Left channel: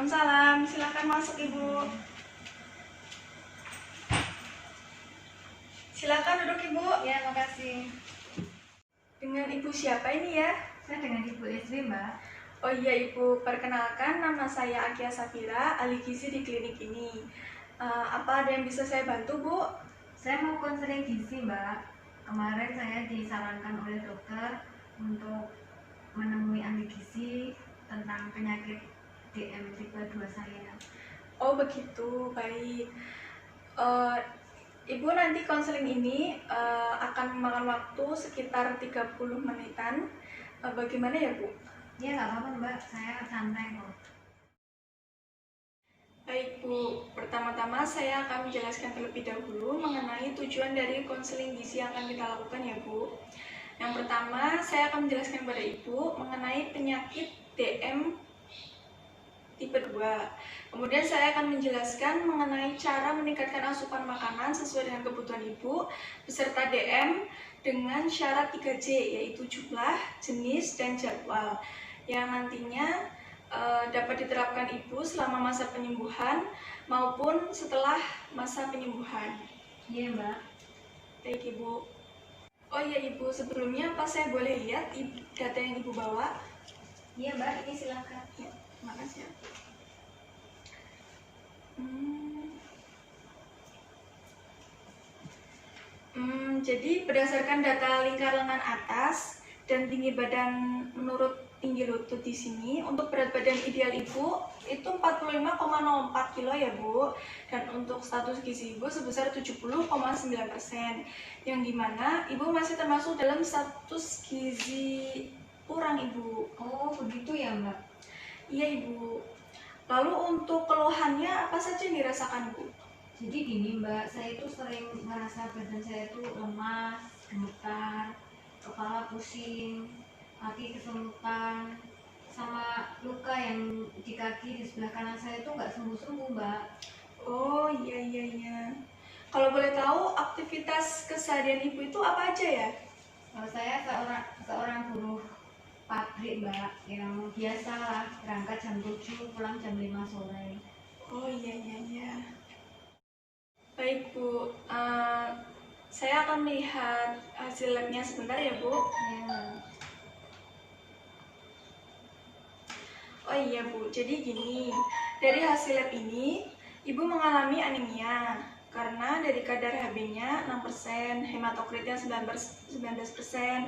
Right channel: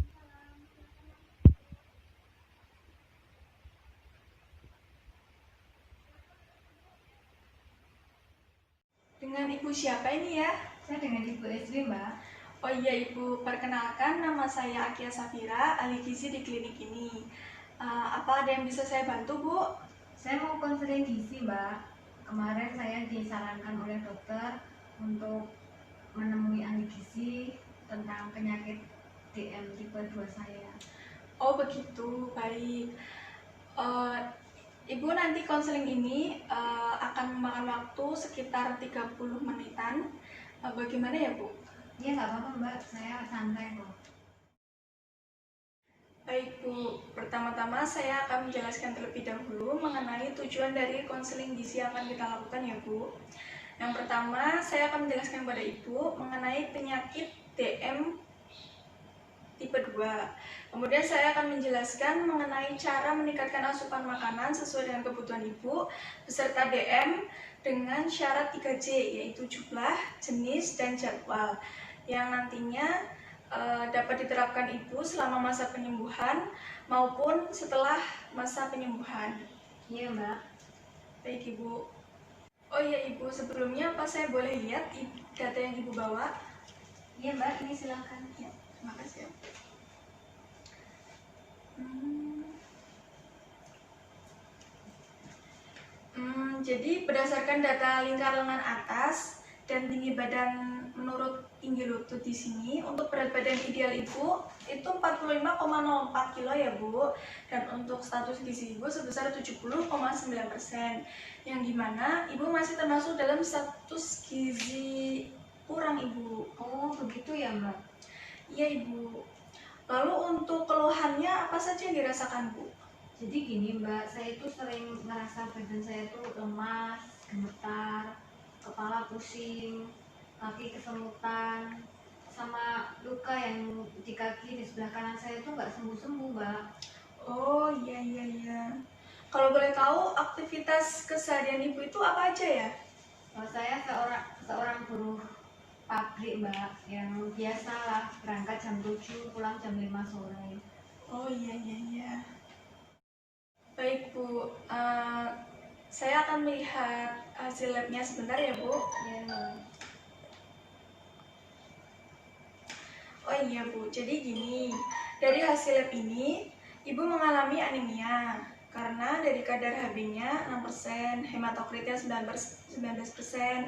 Waalaikumsalam, silakan masuk Ibu. Silakan duduk Ibu. Ya, makasih. Dengan Ibu siapa ini ya? Saya dengan Ibu Esri, Mbak. Oh iya Ibu, perkenalkan nama saya Akia Safira, ahli gizi di klinik ini. Apa ada yang bisa saya bantu Bu? Saya mau konseling gizi, Mbak. Kemarin saya disarankan oleh dokter untuk menemui ahli gizi tentang penyakit DM tipe 2 saya. Oh begitu, baik. Ibu nanti konseling ini akan memakan waktu sekitar 30 menitan. Bagaimana ya Bu? Ya, nggak apa-apa, Mbak. Saya santai kok. Baik Bu, pertama-tama saya akan menjelaskan terlebih dahulu mengenai tujuan dari konseling gizi yang akan kita lakukan ya Bu. Yang pertama, saya akan menjelaskan kepada Ibu mengenai penyakit DM tipe 2. Kemudian saya akan menjelaskan mengenai cara meningkatkan asupan makanan sesuai dengan kebutuhan Ibu beserta DM dengan syarat 3J, yaitu jumlah, jenis, dan jadwal yang nantinya dapat diterapkan Ibu selama masa penyembuhan maupun setelah masa penyembuhan. Iya, Mbak. Baik Ibu. Oh iya Ibu, sebelumnya apa saya boleh lihat data yang Ibu bawa? Iya, Mbak. Ini silakan. Ya, terima kasih. Jadi berdasarkan data lingkar lengan atas dan tinggi badan menurut tinggi lutut di sini, untuk berat badan ideal Ibu itu 45,04 kilo ya Bu, dan untuk status gizi Ibu sebesar 70,9%, yang dimana Ibu masih termasuk dalam status gizi kurang Ibu. Oh, begitu ya, Mbak? Iya Ibu. Lalu untuk keluhannya apa saja yang dirasakan Bu? Jadi gini, Mbak, saya itu sering ngerasa badan saya itu lemas, gemetar, kepala pusing, kaki kesemutan, sama luka yang di kaki di sebelah kanan saya itu nggak sembuh-sembuh, Mbak. Oh iya. Kalau boleh tahu aktivitas keseharian Ibu itu apa aja ya? Kalau saya seorang buruh pabrik, Mbak, yang biasalah berangkat jam 7, pulang jam 5 sore. Oh iya. Baik Bu, saya akan melihat hasil labnya sebentar ya Bu. Ya, Mbak. Oh iya Bu, jadi gini, dari hasil lab ini Ibu mengalami anemia karena dari kadar Hb-nya 6%, hematokritnya 19%,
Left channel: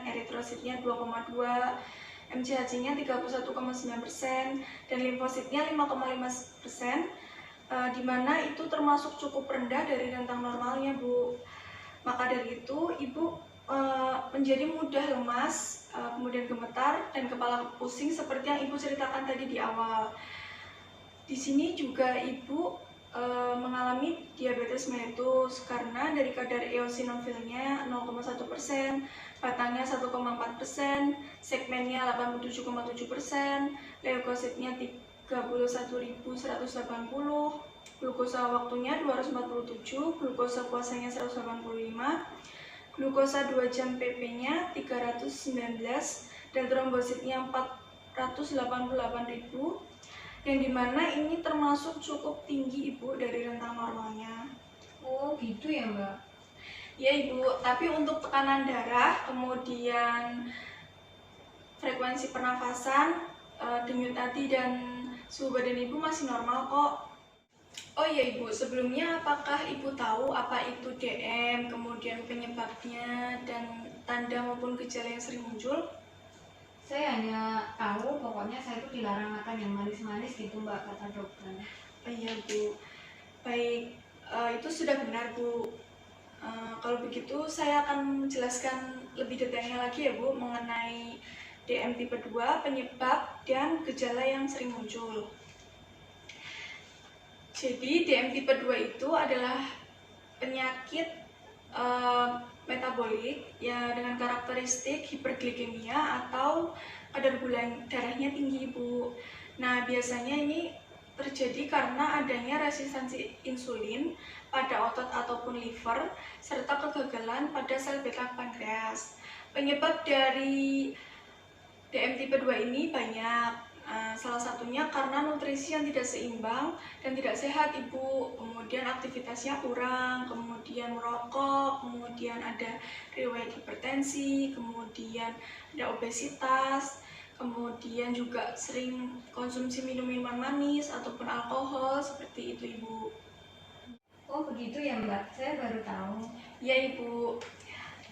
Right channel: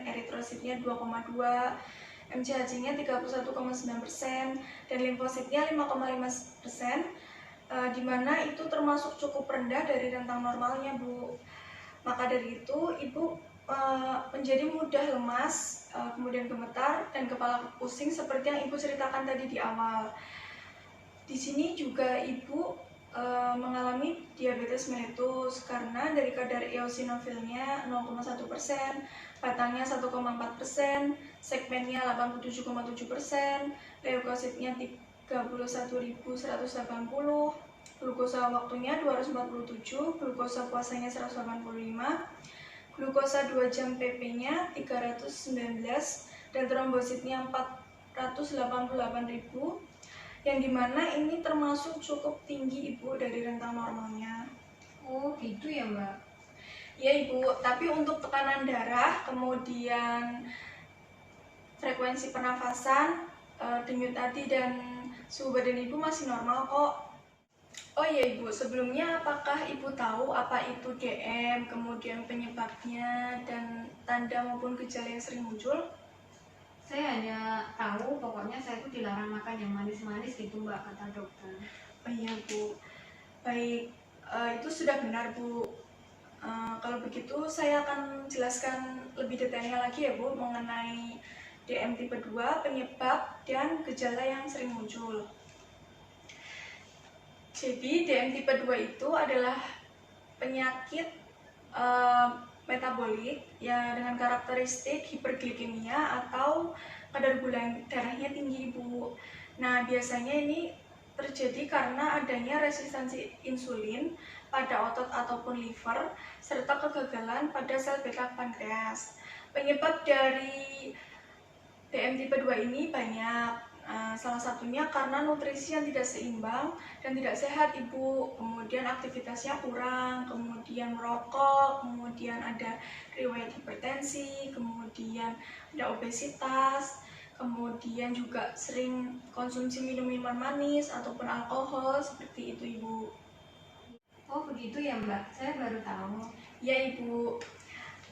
eritrositnya 2,2%, MCHC-nya 31,9%, dan limfositnya 5,5%, di mana itu termasuk cukup rendah dari rentang normalnya Bu. Maka dari itu Ibu menjadi mudah lemas, kemudian gemetar dan kepala pusing seperti yang Ibu ceritakan tadi di awal. Di sini juga Ibu mengalami diabetes mellitus karena dari kadar eosinofilnya 0,1%, batangnya 1,4%, segmennya 87,7%, leukositnya 31.180, glukosa waktunya 247, glukosa puasanya 185, glukosa 2 jam PP-nya 319, dan trombositnya 488.000, yang dimana ini termasuk cukup tinggi Ibu dari rentang normalnya. Oh gitu ya, Mbak? Ya Ibu, tapi untuk tekanan darah, kemudian frekuensi pernafasan, denyut nadi, dan suhu badan Ibu masih normal kok. Oh iya Ibu, sebelumnya apakah Ibu tahu apa itu DM, kemudian penyebabnya, dan tanda maupun gejala yang sering muncul? Saya hanya tahu pokoknya saya itu dilarang makan yang manis-manis gitu, Mbak, kata dokter. Oh iya Bu, baik, itu sudah benar Bu. Kalau begitu saya akan menjelaskan lebih detailnya lagi ya Bu mengenai DM tipe 2, penyebab dan gejala yang sering muncul. Jadi DM tipe 2 itu adalah penyakit metabolik ya dengan karakteristik hiperglikemia atau kadar gula darahnya tinggi Bu. Nah biasanya ini terjadi karena adanya resistensi insulin pada otot ataupun liver serta kegagalan pada sel beta pankreas. Penyebab dari DM tipe 2 ini banyak, Salah satunya karena nutrisi yang tidak seimbang dan tidak sehat Ibu. Kemudian aktivitasnya kurang, kemudian merokok, kemudian ada riwayat hipertensi, kemudian ada obesitas, kemudian juga sering konsumsi minuman manis ataupun alkohol seperti itu Ibu. Oh begitu ya Mbak, saya baru tahu. Ya Ibu.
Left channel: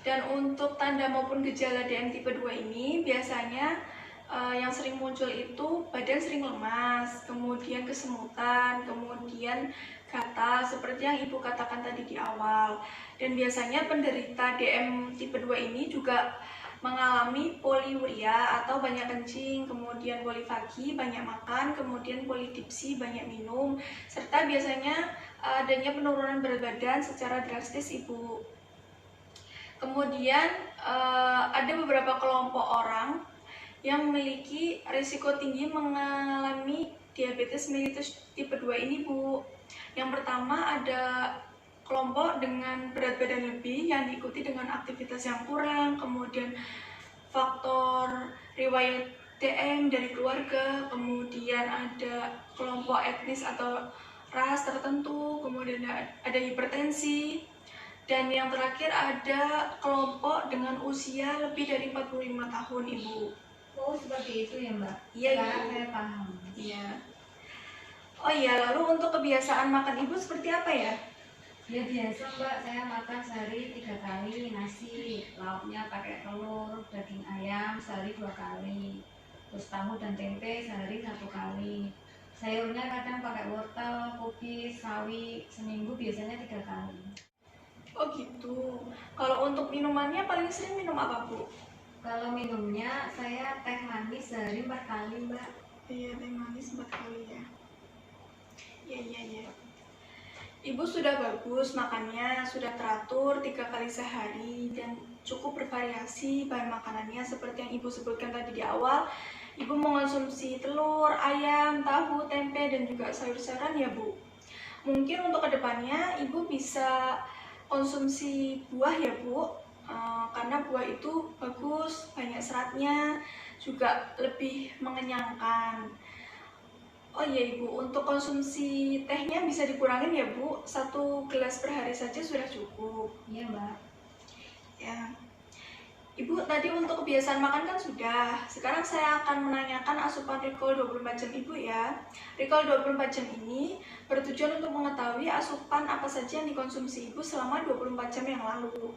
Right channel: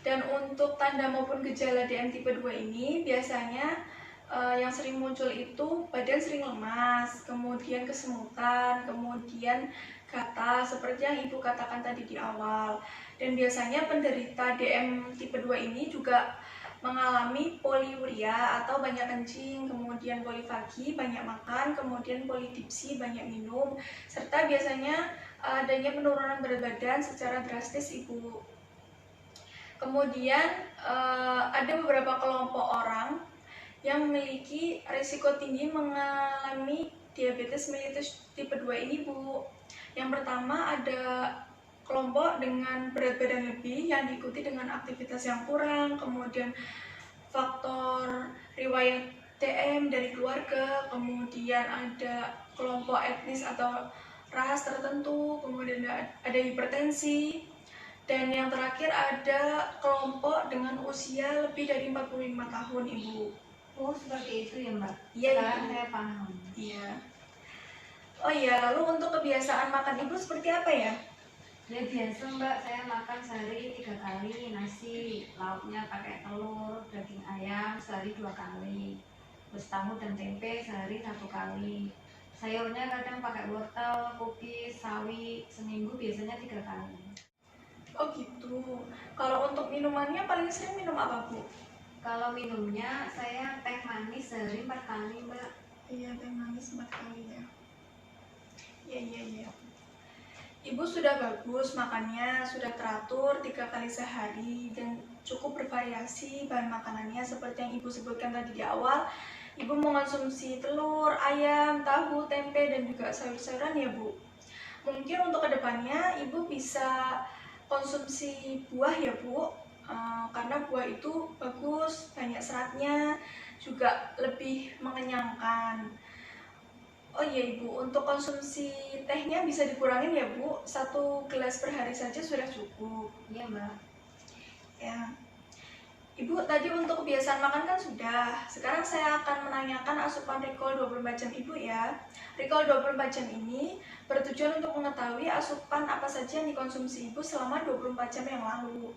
Dan untuk tanda maupun gejala DM tipe 2 ini biasanya yang sering muncul itu badan sering lemas, kemudian kesemutan, kemudian gatal seperti yang Ibu katakan tadi di awal. Dan biasanya penderita DM tipe 2 ini juga mengalami poliuria atau banyak kencing, kemudian polifagi, banyak makan, kemudian polidipsi, banyak minum, serta biasanya adanya penurunan berat badan secara drastis Ibu. Kemudian ada beberapa kelompok orang yang memiliki risiko tinggi mengalami diabetes mellitus tipe 2 ini Bu. Yang pertama ada kelompok dengan berat badan lebih yang diikuti dengan aktivitas yang kurang, kemudian faktor riwayat DM dari keluarga, kemudian ada kelompok etnis atau ras tertentu, kemudian ada hipertensi, dan yang terakhir ada kelompok dengan usia lebih dari 45 tahun Ibu. Oh seperti itu ya Mbak. Iya, Sekarang Ibu. saya paham. Iya. Oh iya, lalu untuk kebiasaan makan Ibu seperti apa ya? Ya biasa Mbak, saya makan sehari 3 kali nasi, lauknya pakai telur, daging ayam sehari 2 kali, terus tahu dan tempe sehari 1 kali. Sayurnya kadang pakai wortel, kubis, sawi, seminggu biasanya 3 kali. Oh gitu. Kalau untuk minumannya paling sering minum apa Bu? Kalau minumnya saya teh manis sehari 4 kali Mbak. Iya, teh manis 4 kali ya. Iya. Ibu sudah bagus makannya, sudah teratur 3 kali sehari dan cukup bervariasi bahan makanannya seperti yang Ibu sebutkan tadi di awal. Ibu mengonsumsi telur, ayam, tahu, tempe, dan juga sayur-sayuran ya Bu. Mungkin untuk kedepannya Ibu bisa konsumsi buah ya Bu, karena buah itu bagus, banyak seratnya, juga lebih mengenyangkan. Oh iya Ibu, untuk konsumsi tehnya bisa dikurangin ya Bu, 1 gelas per hari saja sudah cukup. Iya Mbak. Ya. Ibu tadi untuk kebiasaan makan kan sudah. Sekarang saya akan menanyakan asupan Recall 24 jam Ibu ya. Recall 24 jam ini bertujuan untuk mengetahui asupan apa saja yang dikonsumsi Ibu selama 24 jam yang lalu.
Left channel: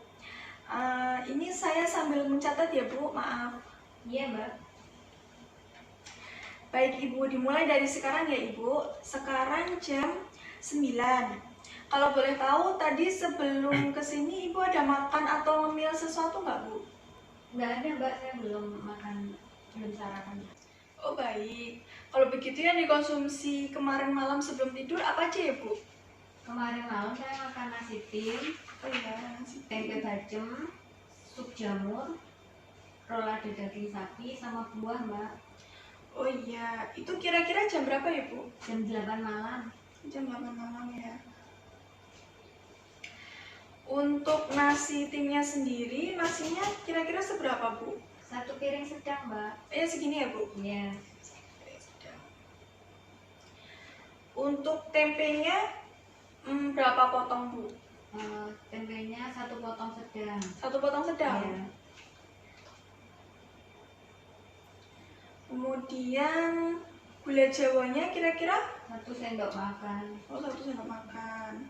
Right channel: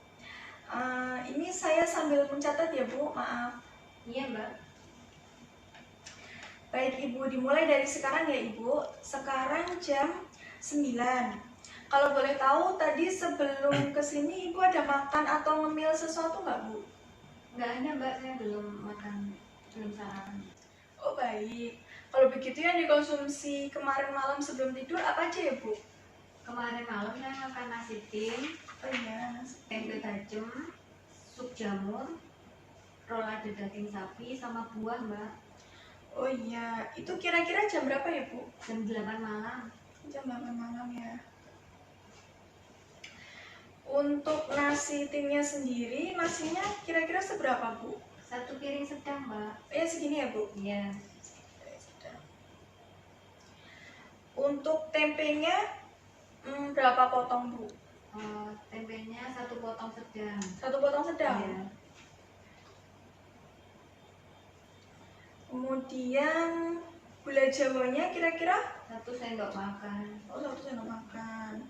Ini saya sambil mencatat ya Bu, maaf. Iya Mbak. Baik Ibu, dimulai dari sekarang ya Ibu. Sekarang jam 9. Kalau boleh tahu tadi sebelum kesini Ibu ada makan atau ngemil sesuatu nggak Bu? Nggak ada Mbak, saya belum makan, belum sarapan. Oh baik. Kalau begitu yang dikonsumsi kemarin malam sebelum tidur apa aja ya Bu? Kemarin malam saya makan nasi tim, Oh iya, nasi tempe bacem, sup jamur, rolade daging sapi, sama buah Mbak. Oh iya, itu kira-kira jam berapa ya Bu? Jam 8 malam. Jam 8 malam ya. Untuk nasi timnya sendiri, nasinya kira-kira seberapa Bu? 1 piring sedang Mbak. Ya segini ya Bu? Iya. Untuk tempenya berapa potong Bu? Tempenya 1 potong sedang. 1 potong sedang? Iya. Kemudian gula jawanya kira-kira? 1 sendok makan. Oh, 1 sendok makan.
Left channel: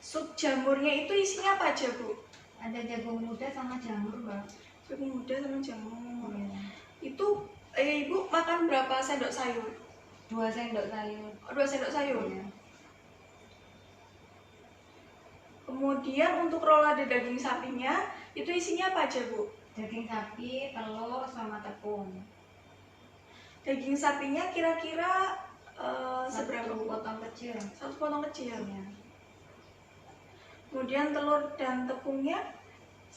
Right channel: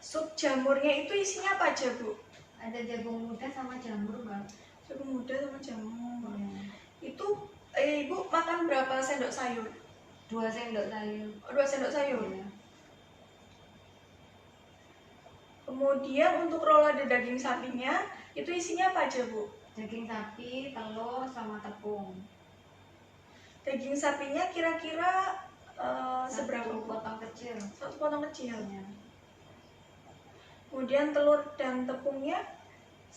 Sup jamurnya itu isinya apa aja Bu? Ada jagung muda sama jamur Mbak. Jagung muda sama jamur. Iya. Itu Ibu makan berapa sendok sayur? 2 sendok sayur. Oh, 2 sendok sayur. Iya. Kemudian untuk rolade daging sapinya itu isinya apa aja Bu? Daging sapi, telur, sama tepung. Daging sapinya kira-kira seberapa 1 Bu? potong kecil. 1 potong kecil. Iya. Kemudian telur dan tepungnya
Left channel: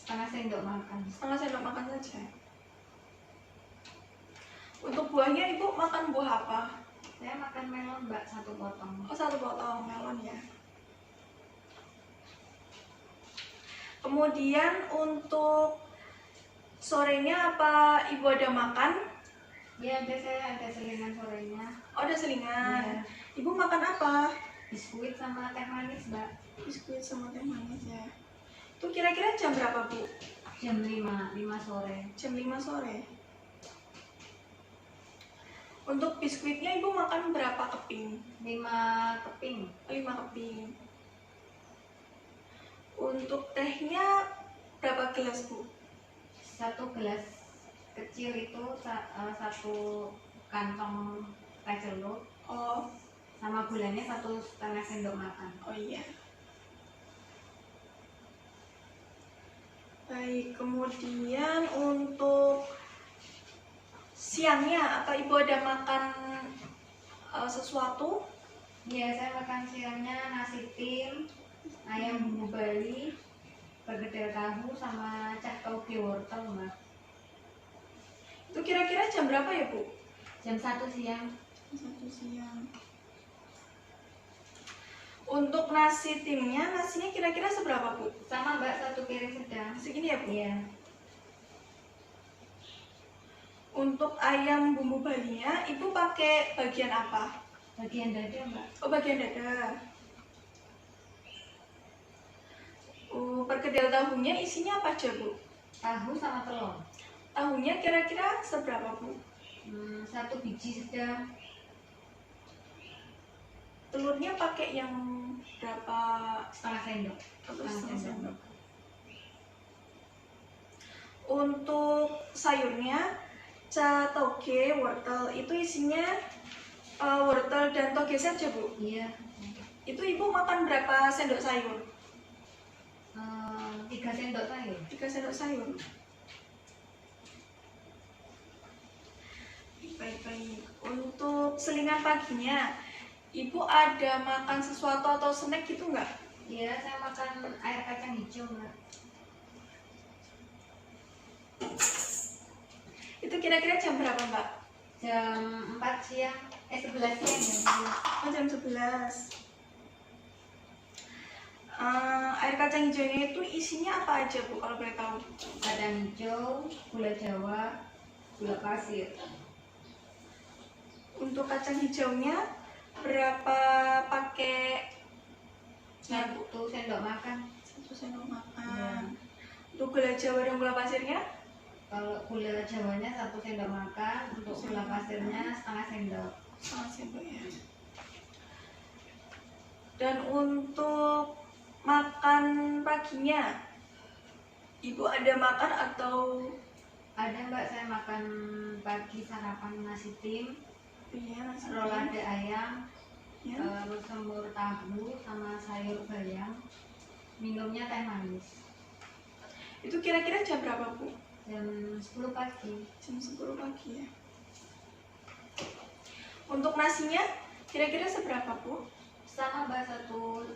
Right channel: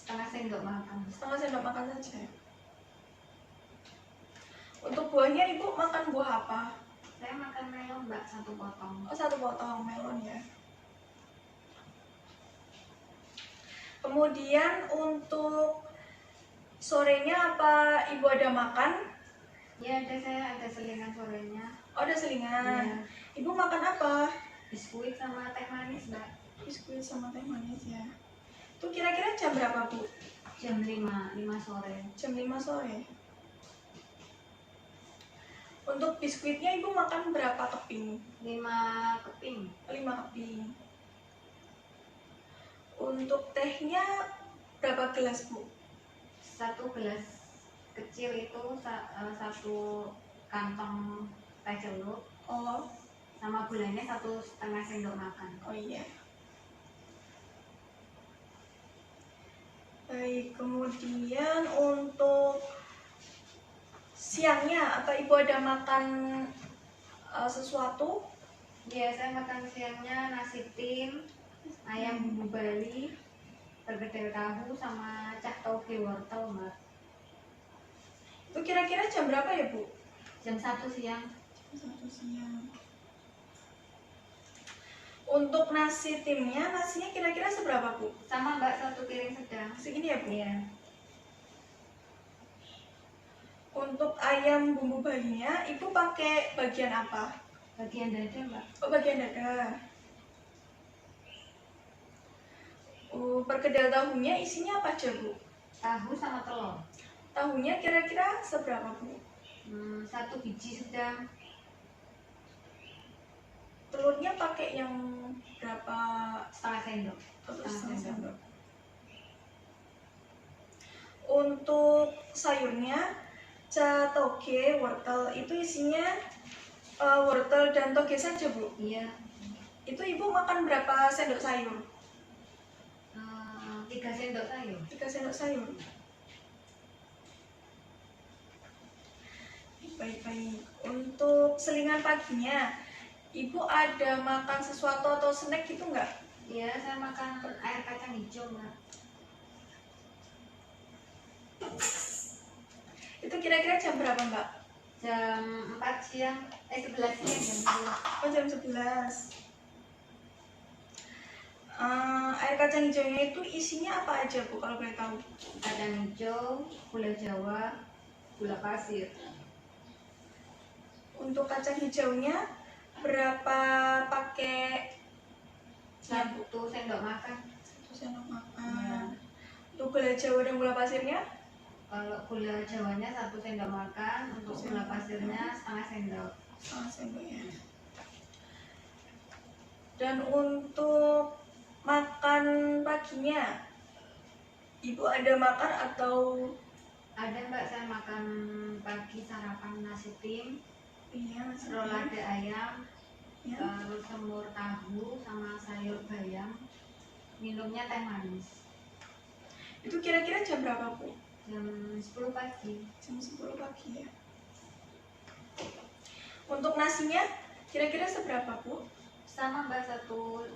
1/2 sendok makan. 1/2 sendok makan saja. Untuk buahnya Ibu makan buah apa? Saya makan melon Mbak, 1 potong. Oh, 1 potong melon ya. Kemudian untuk sorenya apa Ibu ada makan? Ya ada, saya ada selingan sorenya. Oh, ada selingan. Iya. Ibu makan apa? Biskuit sama teh manis, Mbak. Biskuit sama teh manis ya. Itu kira-kira jam berapa, Bu? Jam 5 sore. Jam 5 sore. Untuk biskuitnya Ibu makan berapa keping? 5 keping. 5 keping. Untuk tehnya berapa gelas, Bu? 1 gelas kecil itu 1 kantong teh celup, Oh, sama gulanya 1,5 sendok makan. oh iya. Baik, kemudian untuk siangnya, apa Ibu ada makan sesuatu? Iya, saya makan siangnya nasi tim, ayam bumbu Bali, perkedel tahu, sama cah toge wortel, Mbak. Itu kira-kira jam berapa ya, Bu? Jam 1 siang. Jam 1 siang. Untuk nasi timnya, nasinya kira-kira seberapa, Bu? Sama, Mbak, 1 piring sedang. Segini ya, Bu? Iya. Untuk ayam bumbu Balinya, Ibu pakai bagian apa? Bagian dada, Mbak. Oh, bagian dada. Perkedel tahunya isinya apa aja, Bu? Tahu sama telur. Tahunya kira-kira seberapa, Bu? 1 biji sedang. Telurnya pakai yang berapa? 1/2 sendok. Setengah sendok. Untuk sayurnya, toge, wortel, itu isinya wortel dan toge saja, Bu? Iya. Itu Ibu makan berapa sendok sayur? 3 sendok sayur. 3 sendok sayur. Baik-baik. Untuk selingan paginya, Ibu ada makan sesuatu atau snack gitu nggak? Iya, saya makan air kacang hijau, Mbak. Itu kira-kira jam berapa, Mbak? Jam 4 siang, 11 siang, jam 11. Oh, jam 11. Air kacang hijaunya itu isinya apa aja, Bu, kalau boleh tahu? Kacang hijau, gula Jawa, gula pasir. Untuk kacang hijaunya berapa pakai? 1 sendok makan. 1 sendok Ya. makan. Untuk gula Jawa dan gula pasirnya? Kalau gula Jawanya 1 sendok makan, untuk gula pasirnya 1/2 sendok. 1 sendok ya. Dan untuk makan paginya, Ibu ada makan atau? Ada, Mbak, saya makan pagi sarapan nasi tim, Iya, nasi rolade ayam, ya. terus semur tahu sama sayur bayam. Minumnya teh manis. Itu kira-kira jam berapa, Bu? Jam 10 pagi. Jam 10 pagi ya. Untuk nasinya kira-kira seberapa, Bu? Sama, Mbak, 1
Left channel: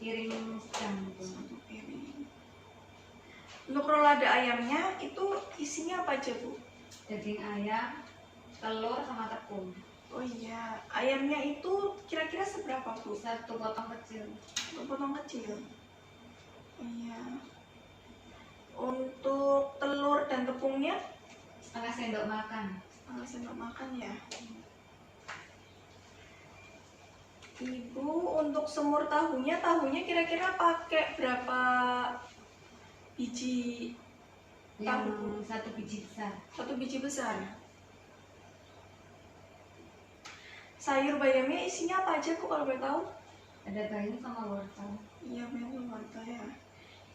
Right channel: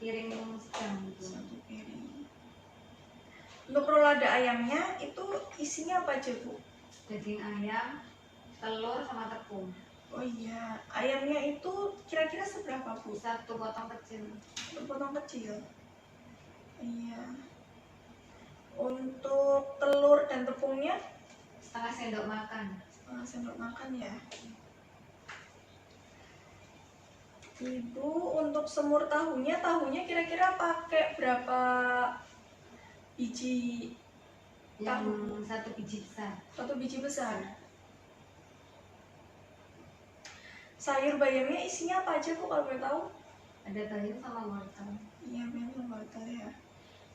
piring sedang gitu. 1 piring. Untuk rolade ayamnya itu isinya apa aja, Bu? Daging ayam, telur sama tepung. Oh iya, ayamnya itu kira-kira seberapa, Bu? 1 potong kecil. Untuk potong kecil. Oh iya. Untuk telur dan tepungnya 1/2 sendok makan. 1 sendok makan ya. Ibu untuk semur tahunya kira-kira pakai berapa biji? Yang Tahu. 1 biji besar. 1 biji besar. Sayur bayamnya isinya apa aja, Bu, kalau boleh tahu? Ada bayam sama wortel. Iya, bayam wortel ya.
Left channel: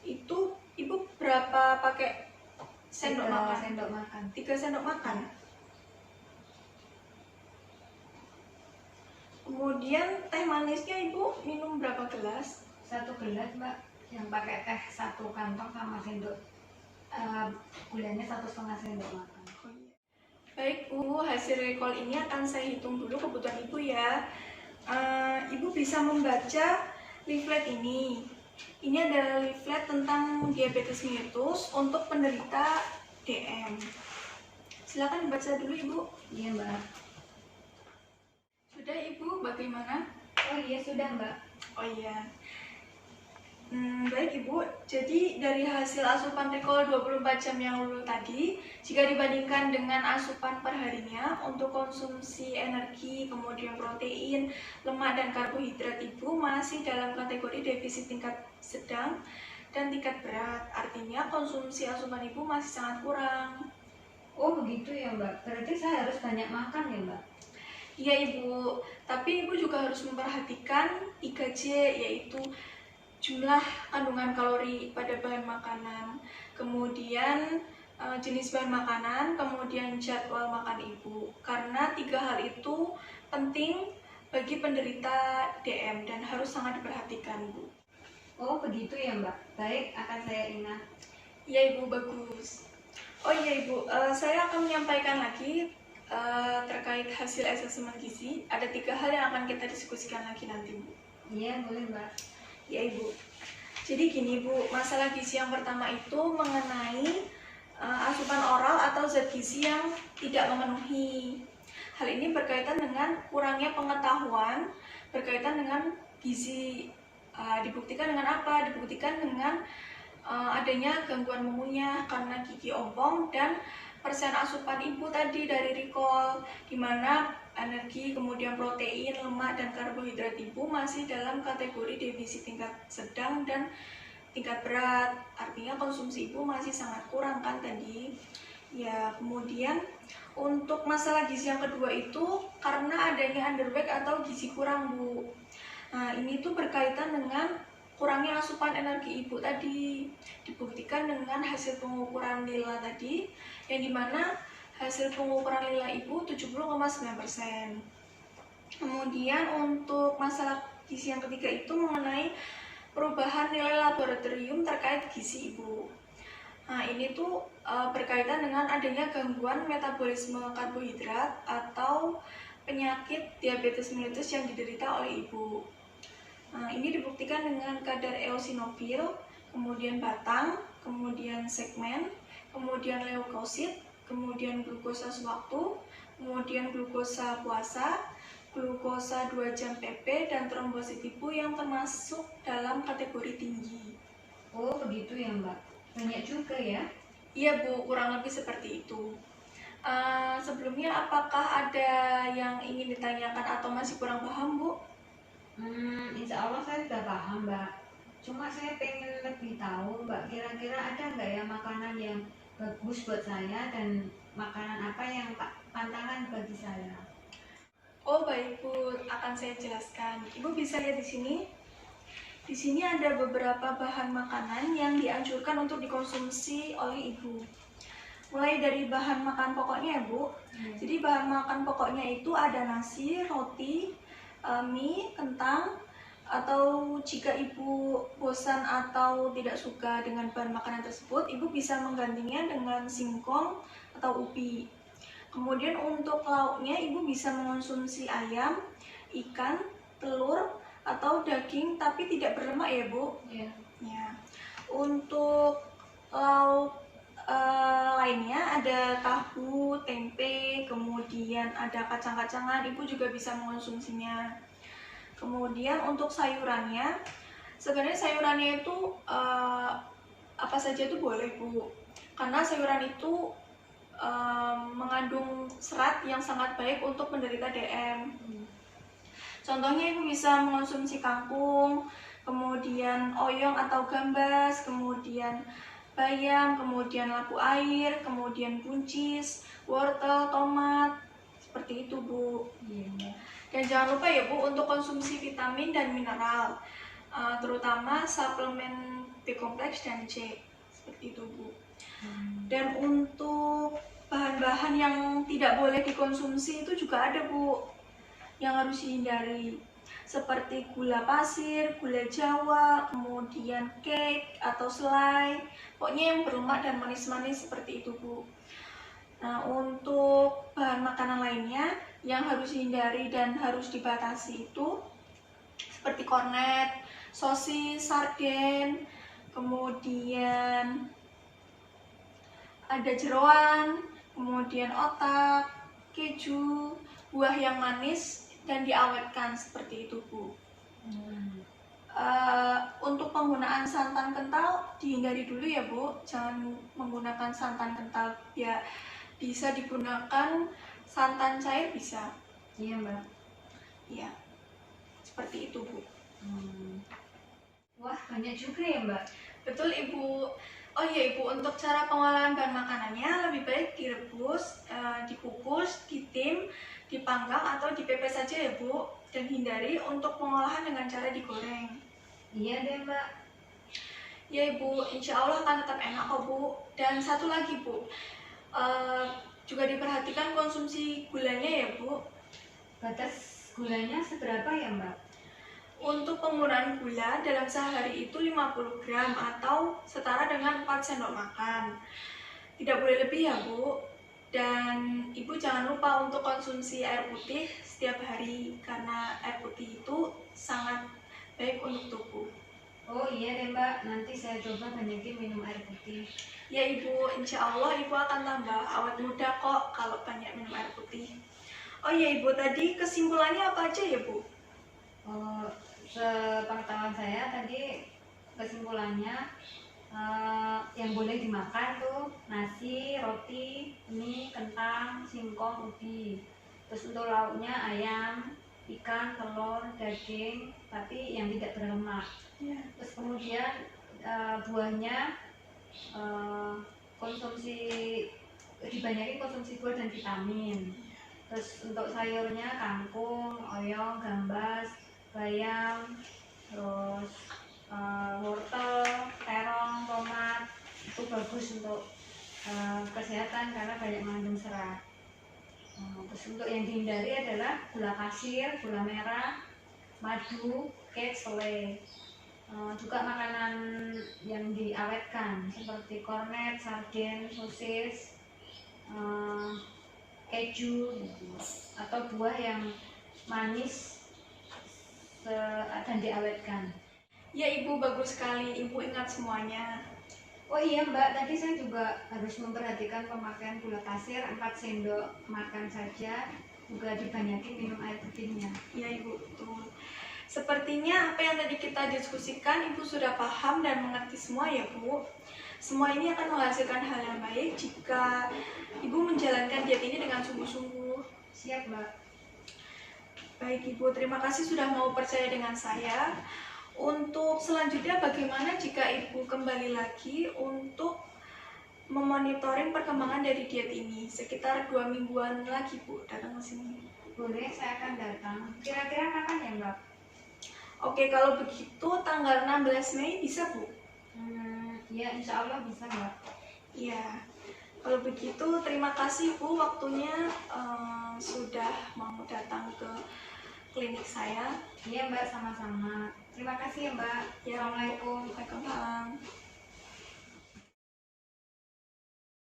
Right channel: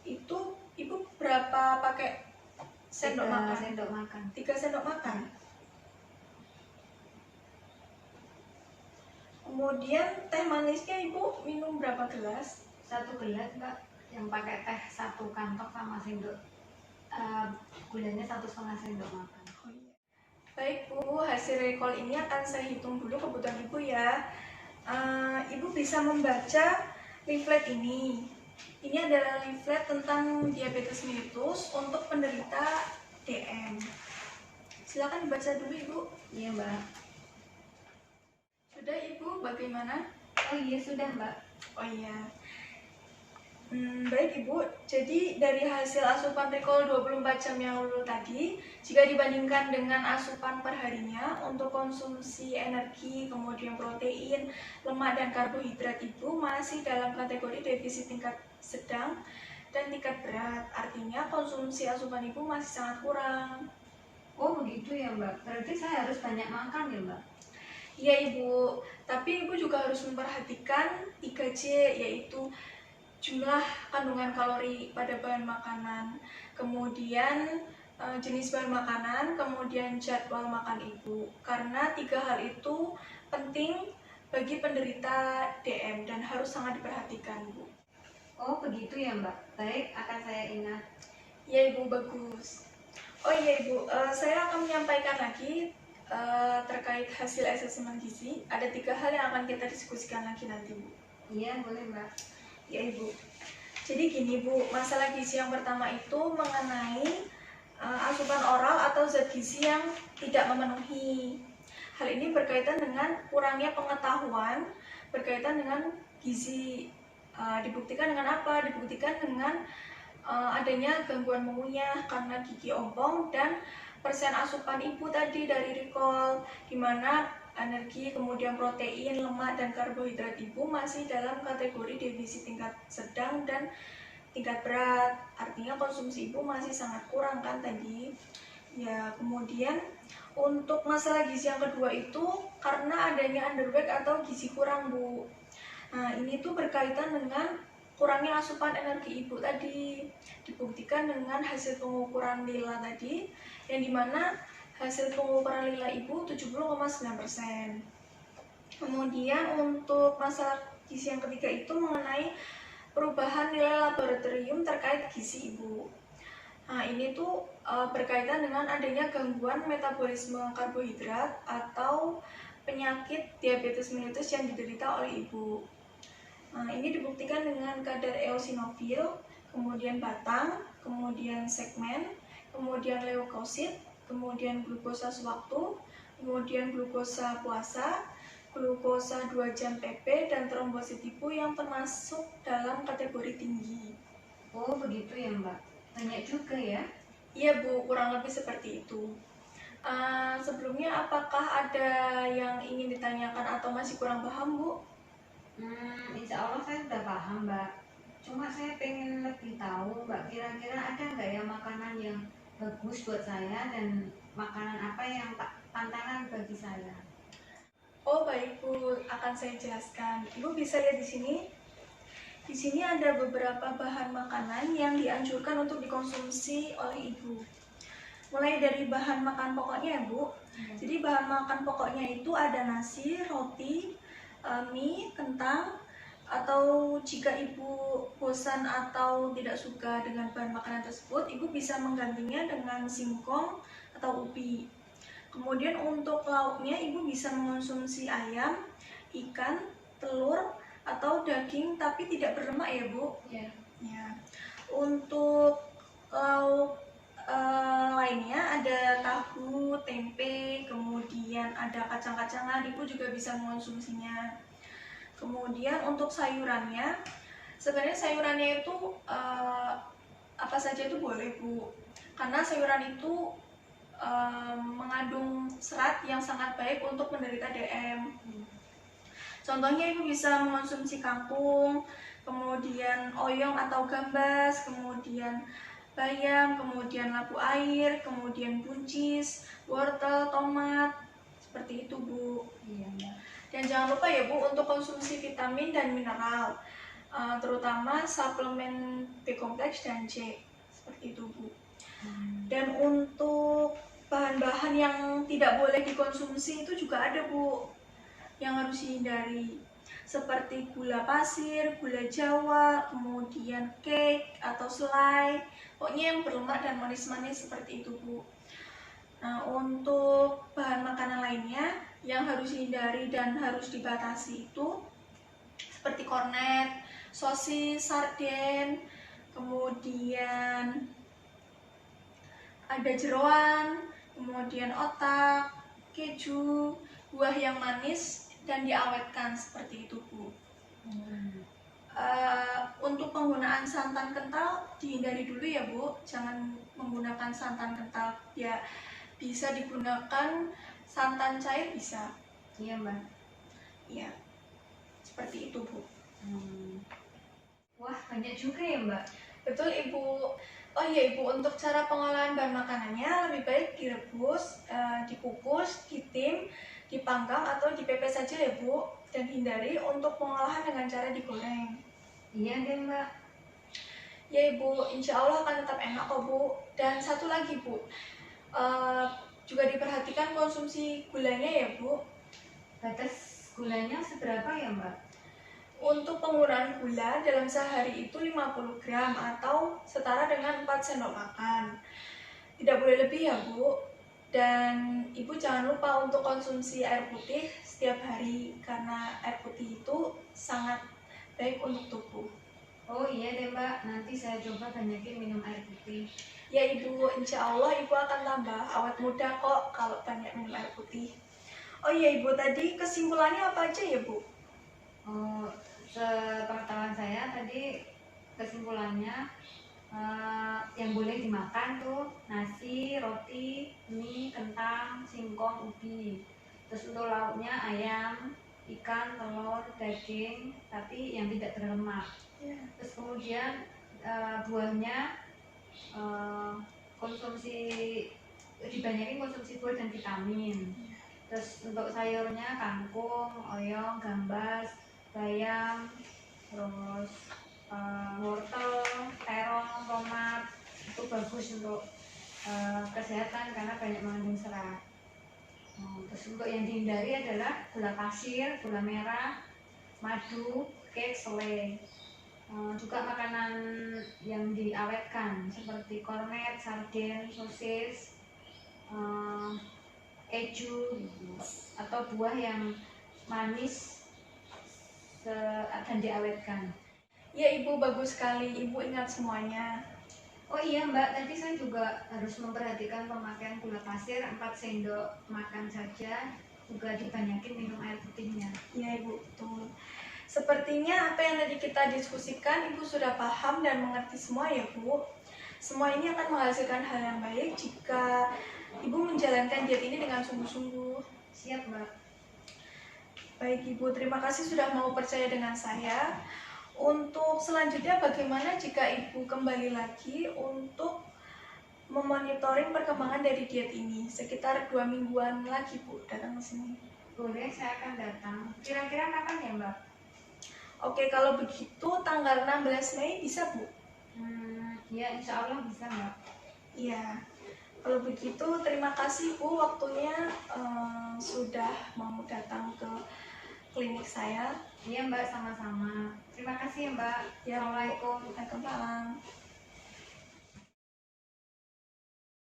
Itu Ibu berapa pakai sendok 3 makan? sendok makan. 3 sendok makan. Kemudian teh manisnya Ibu minum berapa gelas? 1 gelas, Mbak. Yang pakai teh 1 kantong sama sendok gulanya 1,5 sendok makan. Oh iya. Baik, Bu, hasil recall ini akan saya hitung dulu kebutuhan Ibu ya. Ibu bisa membaca leaflet ini. Ini adalah leaflet tentang diabetes mellitus untuk penderita DM. Silakan dibaca dulu, Ibu. Iya, Mbak. Sudah, Ibu, bagaimana? Oh iya, sudah, Mbak. Oh iya. Baik Ibu, jadi dari hasil asupan Recall 24 jam yang lalu tadi, jika dibandingkan dengan asupan per harinya untuk konsumsi energi, kemudian protein, lemak, dan karbohidrat Ibu masih dalam kategori defisit tingkat sedang dan tingkat berat. Artinya konsumsi asupan Ibu masih sangat kurang. Oh begitu ya Mbak, berarti saya harus banyak makan ya Mbak? Iya Ibu, tapi Ibu juga harus memperhatikan 3J, yaitu jumlah kandungan kalori pada bahan makanan, kemudian jenis bahan makanan, kemudian jadwal makan Ibu. Karena 3 hal itu penting bagi penderita DM dan harus sangat diperhatikan, Bu. Oh begitu ya Mbak, baik akan saya ingat. Ya Ibu, bagus. Oh iya Ibu, saya akan menyampaikan lagi terkait hasil asesmen gizi. Ada 3 hal yang akan kita diskusikan lagi nanti, Bu. Iya boleh Mbak. Ya Ibu, jadi gini Bu, masalah gizi yang pertama itu mengenai asupan oral atau zat gizi yang tidak memenuhi. Hal ini berkaitan dengan kurangnya pengetahuan berkaitan dengan gizi. Dibuktikan dengan apa? Dibuktikan dengan adanya gangguan mengunyah karena gigi ompong dan persen asupan Ibu tadi dari Recall, di mana energi, kemudian protein, lemak, dan karbohidrat Ibu masih dalam kategori defisit tingkat sedang dan tingkat berat. Artinya konsumsi Ibu masih sangat kurang kan tadi. Ya, kemudian untuk masalah gizi yang kedua itu karena adanya underweight atau gizi kurang, Bu. Nah, ini tuh berkaitan dengan kurangnya asupan energi Ibu tadi. Dibuktikan dengan hasil pengukuran nila tadi, yang dimana hasil pengukuran nila Ibu 70,9%. Kemudian untuk masalah gizi yang ketiga itu mengenai perubahan nilai laboratorium terkait gizi Ibu. Nah, ini tuh berkaitan dengan adanya gangguan metabolisme karbohidrat atau penyakit diabetes mellitus yang diderita oleh Ibu. Nah, ini dibuktikan dengan kadar eosinofil, kemudian batang, kemudian segmen, kemudian leukosit, kemudian glukosa sewaktu, kemudian glukosa puasa, glukosa 2 jam PP, dan trombosit Ibu yang termasuk dalam kategori tinggi. Oh begitu ya Mbak, banyak juga ya? Iya Bu, kurang lebih seperti itu. Sebelumnya apakah ada yang ingin ditanyakan atau masih kurang paham Bu? Insya Allah saya sudah paham Mbak. Cuma saya pengen lebih tahu Mbak, kira-kira ada nggak ya makanan yang bagus buat saya dan makanan apa yang pantangan bagi saya? Oh baik Bu, akan saya jelaskan. Ibu bisa lihat di sini. Di sini ada beberapa bahan makanan yang dianjurkan untuk dikonsumsi oleh Ibu. Mulai dari bahan makan pokoknya ya Bu. Jadi bahan makan pokoknya itu ada nasi, roti, mie, kentang, atau jika Ibu bosan atau tidak suka dengan bahan makanan tersebut, Ibu bisa menggantinya dengan singkong atau ubi. Kemudian untuk lauknya Ibu bisa mengonsumsi ayam, ikan, telur, atau daging tapi tidak berlemak ya Bu. Ya. Ya. Untuk lauk lainnya ada tahu, tempe, kemudian ada kacang-kacangan, Ibu juga bisa mengonsumsinya. Kemudian untuk sayurannya, sebenarnya sayurannya itu apa saja itu boleh Bu, karena sayuran itu mengandung serat yang sangat baik untuk penderita DM. Contohnya Ibu bisa mengonsumsi kangkung, kemudian oyong atau gambas, kemudian bayam, kemudian labu air, kemudian buncis, wortel, tomat, seperti itu Bu. Iya Mbak. Dan jangan lupa ya Bu untuk konsumsi vitamin dan mineral, terutama suplemen B kompleks dan C, seperti itu Bu. Dan untuk bahan-bahan yang tidak boleh dikonsumsi itu juga ada Bu, yang harus dihindari, seperti gula pasir, gula jawa, kemudian cake atau selai, pokoknya yang berlemak dan manis-manis seperti itu Bu. Nah, untuk bahan makanan lainnya yang harus dihindari dan harus dibatasi itu seperti kornet, sosis, sarden, kemudian ada jeroan, kemudian otak, keju, buah yang manis dan diawetkan seperti itu Bu. Untuk penggunaan santan kental dihindari dulu ya Bu, jangan menggunakan santan kental ya, bisa digunakan santan cair bisa. Iya Mbak. Ya, seperti itu Bu. Wah, banyak juga ya Mbak. Betul Ibu. Oh iya Ibu, untuk cara pengolahan bahan makanannya lebih baik direbus, dikukus, ditim, dipanggang atau dipepes saja ya Bu, dan hindari untuk pengolahan dengan cara digoreng. Iya deh Mbak. Ya Ibu, insya Allah akan tetap enak kok Bu. Dan satu lagi Bu, juga diperhatikan konsumsi gulanya ya Bu. Batas gulanya seberapa ya Mbak? Untuk penggunaan gula dalam sehari itu 50 gram atau setara dengan 4 sendok makan. Tidak boleh lebih ya Bu. Dan Ibu jangan lupa untuk konsumsi air putih setiap hari karena air putih itu sangat baik untuk tubuh. Oh iya deh Mbak, nanti saya coba banyakin minum air putih. Ya Ibu, insya Allah Ibu akan tambah awet muda kok kalau banyak minum air putih. Oh iya Ibu, tadi kesimpulannya apa aja ya Bu? Oh, sepengetahuan saya tadi kesimpulannya yang boleh dimakan tuh nasi, roti, mie, kentang, singkong, ubi. Terus untuk lauknya ayam, ikan, telur, daging, tapi yang tidak berlemak. Ya. Terus kemudian buahnya konsumsi dibanyakin konsumsi buah dan vitamin. Terus untuk sayurnya kangkung, oyong, gambas, bayam, terus wortel, terong, tomat itu bagus untuk kesehatan karena banyak mengandung serat. Terus untuk yang dihindari adalah gula pasir, gula merah, madu, cake, selai. Juga makanan yang diawetkan seperti kornet, sarden, sosis, keju gitu. Atau buah yang manis dan diawetkan. Ya Ibu, bagus sekali. Ibu ingat semuanya. Oh iya Mbak, tadi saya juga harus memperhatikan pemakaian gula pasir 4 sendok makan saja, juga dibanyakin minum air putihnya. Ya Ibu, betul. Sepertinya apa yang tadi kita diskusikan Ibu sudah paham dan mengerti semua ya Bu. Semua ini akan menghasilkan hal yang baik jika Ibu menjalankan diet ini dengan sungguh-sungguh. Siap Mbak. Baik Ibu, terima kasih sudah mau percaya dengan saya. Untuk selanjutnya bagaimana jika Ibu kembali lagi untuk memonitoring perkembangan dari diet ini? Sekitar 2 mingguan lagi Bu datang ke sini. Boleh, saya akan datang. Kira-kira kapan ya Mbak? Oke, kalau begitu tanggal 16 Mei bisa Bu? Ya insya Allah bisa Mbak. Iya. Kalau begitu terima kasih Bu waktunya sudah mau datang ke klinik saya. Iya Mbak, sama-sama. Terima kasih ya Mbak. Ya, Assalamualaikum. Waalaikumsalam.